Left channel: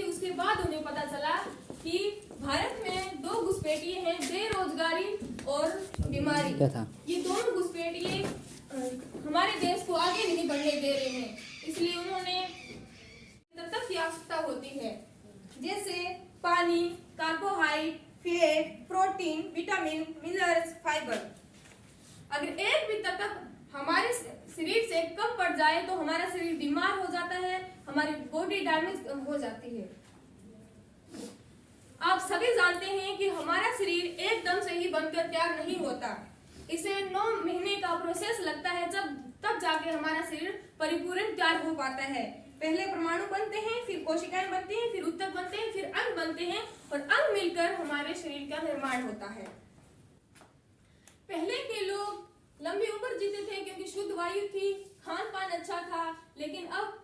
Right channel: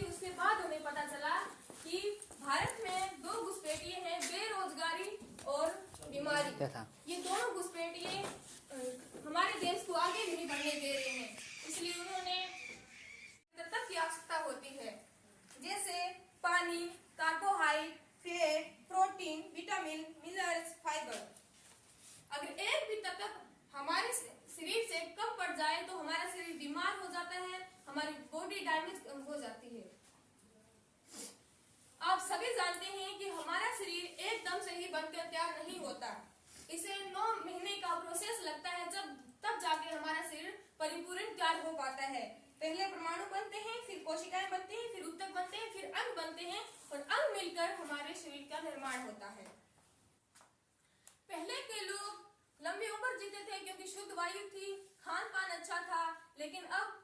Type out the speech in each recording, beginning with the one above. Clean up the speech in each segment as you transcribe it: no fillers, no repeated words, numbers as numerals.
थी उसके बाद उन्हें पता चला कि भारत में दो घुसपैठिए हैं, बेरोजगारी और बीमारी। ये दोनों घुसपैठिए हमारे देश को आगे नहीं बढ़ने दे रहे हैं, इसलिए उन्होंने तत्व की आवश्यकता होती है, जैसे पानी, carbohydrate, fat, protein, vitamin, minerals, fibre. अगर एक भी तत्व हमारे शरीर से कम पड़ जाए तो हमारा शरीर बीमार हो जाता है, हमारी बॉडी डैमेज हो जाती है। आप सभी जानते हैं कि हमारा शरीर एकदम से ही बनकर तैयार नहीं होता, इसे 9 महीने का प्रोसेस लगता है, तब जाके हमारा शरीर परिपूर्ण तैयार हो पाता है। पहले परमाणु बनते हैं, फिर कोशिकाएं बनती हैं, फिर ऊतक बनते हैं, फिर अंग बनते हैं और अंग मिलकर हमारे शरीर का निर्माण होता है। पहले के लोग लंबी उम्र जीते थे क्योंकि शुद्ध वायु थी, खान पान अच्छा था, लेकिन अब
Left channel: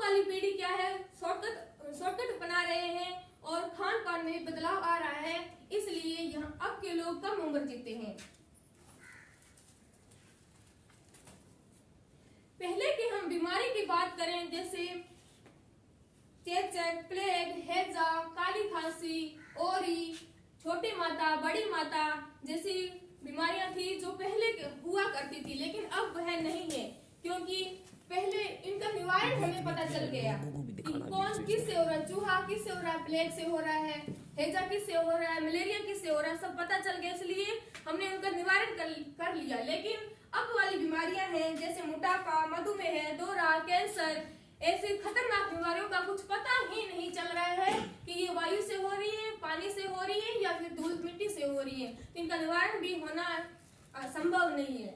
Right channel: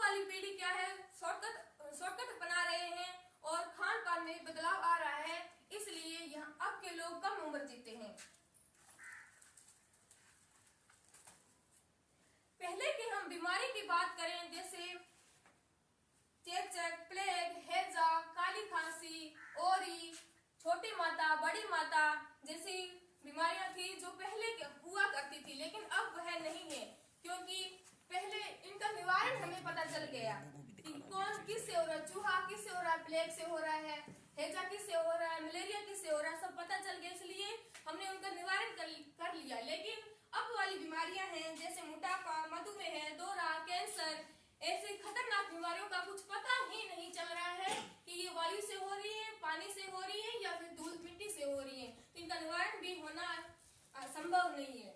वाली पीढ़ी क्या है, शॉर्टकट अपना रहे हैं और खान पान में बदलाव आ रहा है, इसलिए यहाँ अब के लोग कम उम्र जीते हैं। पहले की हम बीमारी की बात करें, जैसे चेचक, प्लेग, हैजा, काली खांसी, ओरी, छोटी माता, बड़ी माता जैसी बीमारियां थी जो पहले हुआ करती थी, लेकिन अब वह नहीं है, क्योंकि पहले इनका निवारण हमें पता चल गया कि कौन किससे हो रहा है, चूहा किससे हो रहा है, प्लेग से हो रहा है, हैजा किससे हो रहा है, मलेरिया किससे हो रहा है, सब पता चल गया, इसलिए हमने उनका निवारण कर लिया। लेकिन अब वाली बीमारियां हैं जैसे मोटापा, मधुमेह, दौरा, कैंसर, ऐसी खतरनाक बीमारियों का कुछ पता ही नहीं चल रहा है कि ये वायु से हो रही है, पानी से हो रही है या फिर धूल मिट्टी से हो रही है, तो इनका निवारण भी होना संभव नहीं है।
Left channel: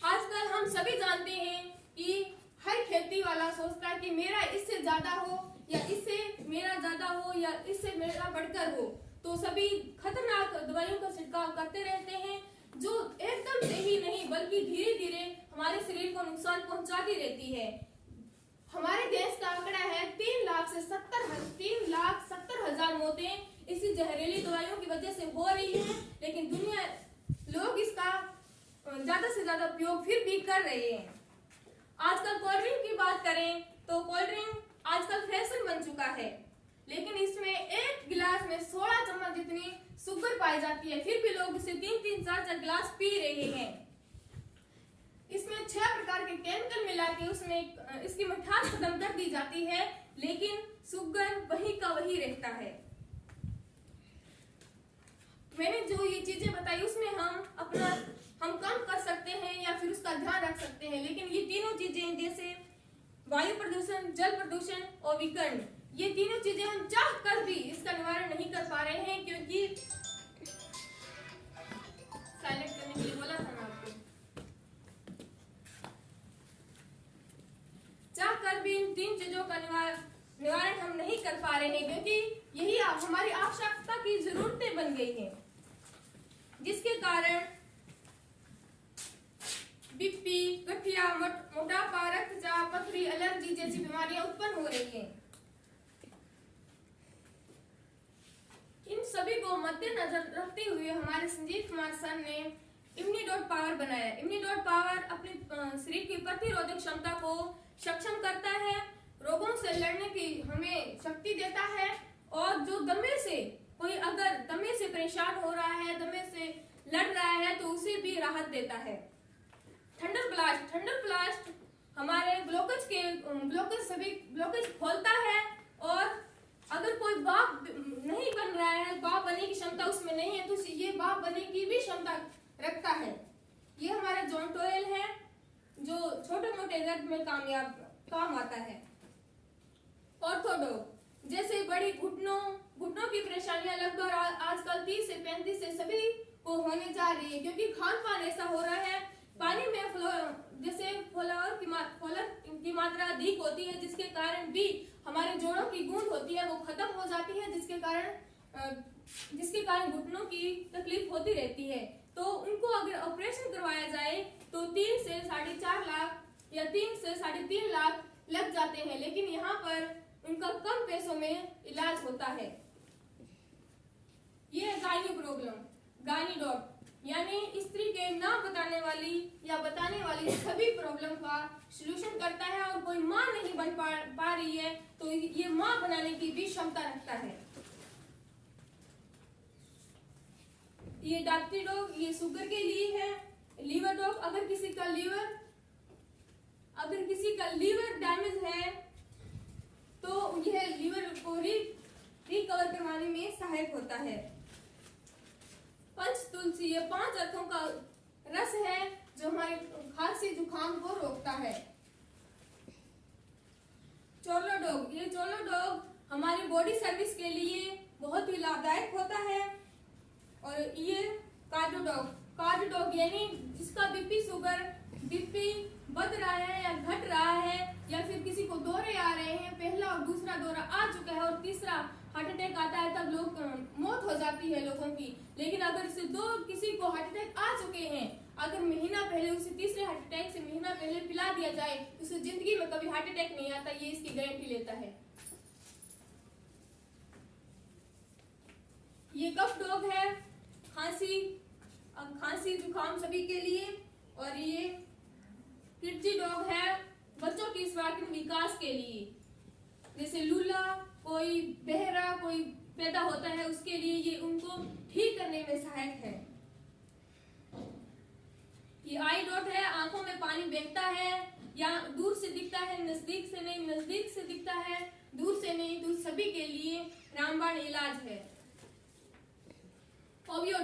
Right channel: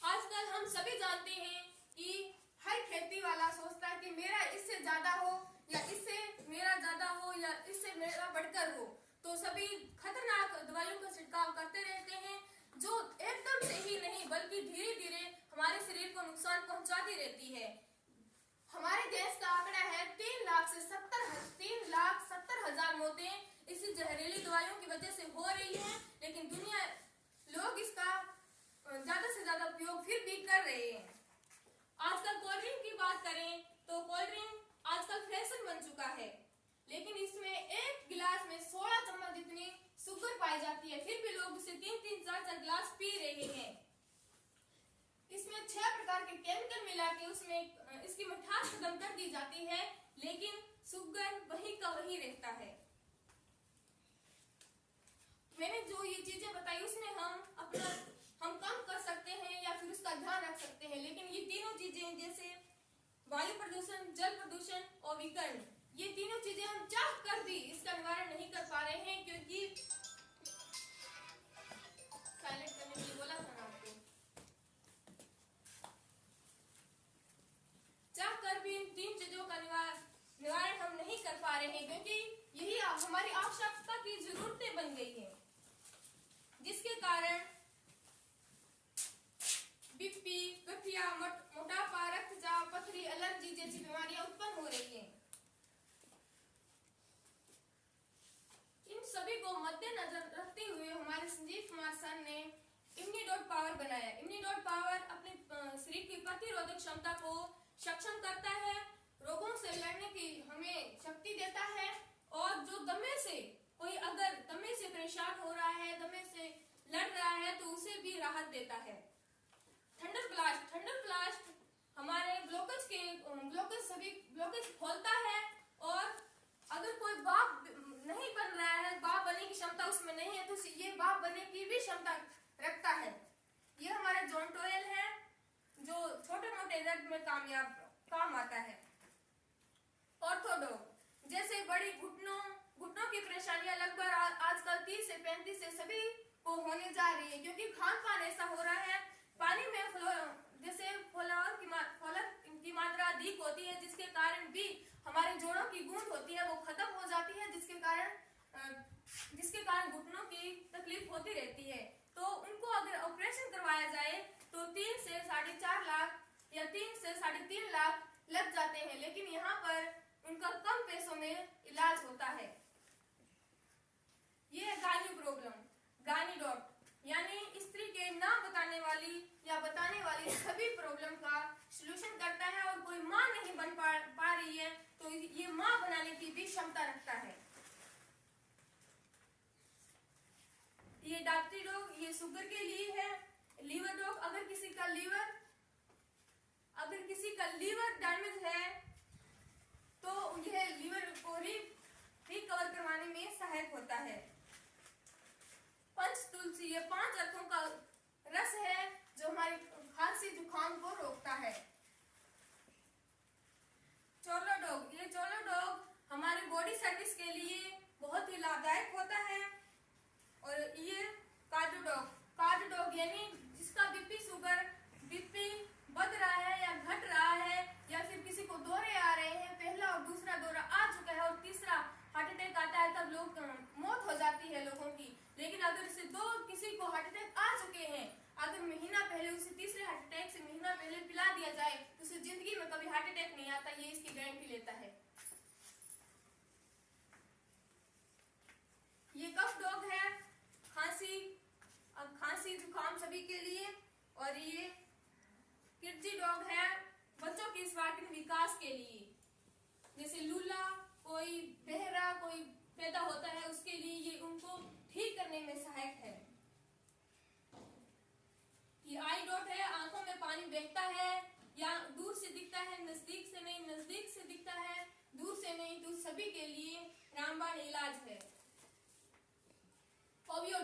आजकल हम सभी जानते हैं कि हर खेती वाला सोचता है कि मेरा इससे ज्यादा हो या इससे मेरा ज्यादा हो या इससे मेरा बढ़कर हो, तो सभी खतरनाक दवाइयों का छिड़काव करते रहते हैं, जो एकदम से ही नहीं बल्कि धीरे धीरे हमारे शरीर को नुकसान पहुंचाती रहती है। हमारे देश का आंकड़ा है 3,70,000 मौतें इसी जहरीली दवाइयों की वजह से हो रही है, लेकिन दुनिया लोग इसका ज्यादा से ज्यादा उपयोग फिर भी कर रहे हैं। आजकल कोल्ड ड्रिंक की बात करें तो कोल्ड ड्रिंक आजकल फैशन बन चुका है, लेकिन इसमें एक गिलास में 16 चम्मच जितनी शुगर पाई जाती है, फिर भी लोग इसे 3-3, 4-4 गिलास पी रहे हैं। इसमें 6 प्रकार के केमिकल मिला के उसमें इसकी मिठास खत्म कर दी जाती है, लेकिन शुगर वही का वही रहता है। मैंने जो ये चीजें बताई उसमें हम कम कर सकते हैं या फिर उसका ध्यान रख सकते हैं, लेकिन ये तीनों चीजें जैसे वायु प्रदूषण, जल प्रदूषण और विकिरण, ये तीनों चीजें हम चाह कर भी इसका निवारण नहीं कर पा रहे हैं, क्योंकि साइलेंट करने के लिए बोला था ना आपको, चाह कर भी इन 3 चीजों का निवारण हम नहीं कर पा रहे हैं, क्योंकि यही हमारी आवश्यकता की जरूरतें बन गई हैं, जिसके कारण बीपी, गठिया, मोटापा, रक्तचाप, पथरी, एलर्जी जैसी बीमारियां उत्पन्न हो रही हैं। इन सभी को मद्देनजर रखते हुए हमारे संजीव कुमार सर ने इम्यूनिडोट पावर बनाया। इम्यूनिडोट पावर अपने शरीर की प्रतिरोधक क्षमता को सक्षम करता है, रोगों से लड़ने की हमें शक्ति देता है, और जो दमे से कोई अगर दमे से परेशान हो रहा है, दमे से लड़ रहा है, तो उसे भी राहत देता है। थंडर ब्लास्ट हमारे सभी ब्लॉकेज खोलता है, और अगर कोई भाप नहीं बन रहा है, भाप बनने की क्षमता उसमें नहीं है, तो ये भाप बनने की भी क्षमता रखता है। ये हमारा जॉइंट ऑयल है जो छोटे मोटे दर्द में काम आता है। ऑर्थोडॉक जैसे बड़ी घुटनों की परेशानियां लगभग आजकल 30 से 35 से सभी को होने जा रही है, क्योंकि खान पान ऐसा हो रहा है, पानी में फ्लोर की मात्रा अधिक होती है, जिसके कारण भी हमारे जोड़ों की गूंद होती है वो खत्म हो जाती है, जिसके कारण घुटनों की तकलीफ होती रहती है। तो उनको अगर ऑपरेशन करवाया जाए तो 3 से 4.5 लाख या 3 से 3.5 लाख लग जाते हैं, लेकिन यहाँ पर उनका कम पैसों में इलाज होता है। ये गायनी प्रॉब्लम, गायनी डॉट यानी स्त्री के ना बताने वाली या बताने वाली सभी प्रॉब्लम का सलूशन करता है, और कोई माँ नहीं बन पा रही है तो ये माँ बनाने की भी क्षमता रखता है। ये डाक्टरी डॉग, ये शुगर के लिए है। लीवर डॉग, अगर किसी का लीवर डैमेज है तो यह लीवर को रिकवर करवाने में सहायक होता है। पंच तुलसी, ये 5 अर्थों का रस है जो हमारे खांसी जुकाम को रोकता है। चोलो डॉग, ये चोलो डॉग हमारी बॉडी सर्विस के लिए बहुत ही लाभदायक होता है। और ये कार्डियो डॉग यानी जिसका बीपी बढ़ रहा है या घट रहा है, या फिर किसी को दौरे आ रहे हैं, पहला और दूसरा दौरा आ चुका है और तीसरा हार्ट अटैक आता है, तब लोग मौत हो जाती है लोगों की। लेकिन अगर किसी को हार्ट अटैक आ चुके हैं, अगर महीना पहले उसे तीसरे हार्ट अटैक से महीना पहले पिला दिया जाए तो उसे जिंदगी में कभी हार्ट अटैक नहीं आता, ये इसकी गारंटी लेता है। ये कफ डॉग है, खांसी जुकाम सभी के लिए। और ये किर्ची डॉग है, बच्चों के स्वास्थ्य विकास के लिए। जैसे लूला, कोई बहरा कोई पैदा होता है, उसके लिए ये उनको ठीक करने में सहायक है। ये आई डॉट है, आंखों में पानी बहता है, या दूर से दिखता है, नजदीक से नहीं, नजदीक से दिखता है, दूर से नहीं, दूर सभी के लिए रामबाण इलाज है। ओबियो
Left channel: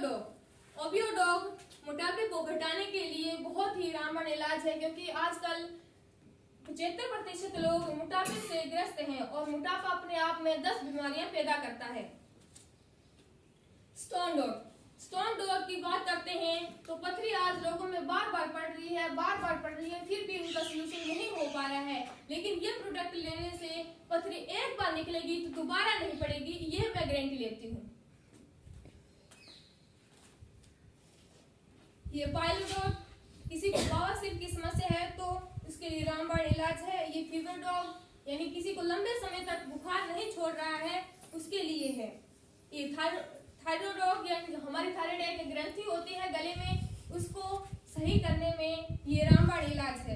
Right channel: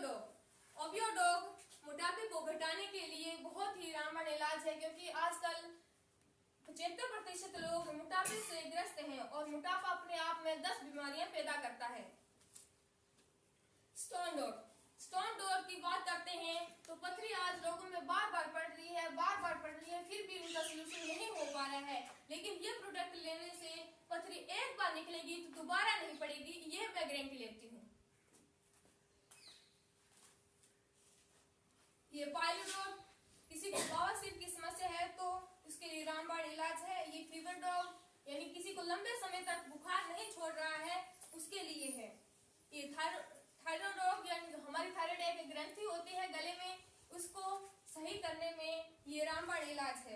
डॉग मोटापे को घटाने के लिए बहुत ही रामबाण इलाज है, क्योंकि आजकल 75% लोग मोटापे से ग्रस्त हैं और मोटापा अपने आप में 10 बीमारियां पैदा करता है। स्टोन डॉग की बात करते हैं तो पथरी आज लोगों में बार बार पड़ रही है, फिर भी उनका सलूशन नहीं हो पा रहा है। लेकिन ये प्रोडक्ट लेने से पथरी एक बार निकलेगी तो दोबारा नहीं पड़ेगी, ये मैं गारंटी लेती हूँ। ये पाइलोडॉग, किसी को बवासीर की समस्या है तो उसके लिए रामबाण इलाज है। ये फीवर डॉग यानी किसी को लंबे समय तक बुखार नहीं छोड़ रहा है, उसके लिए है। ये थायराइड डॉग यानी हमारी थायराइड एक ग्रंथि होती है गले में, उसको सही करने में ये रामबाण इलाज है।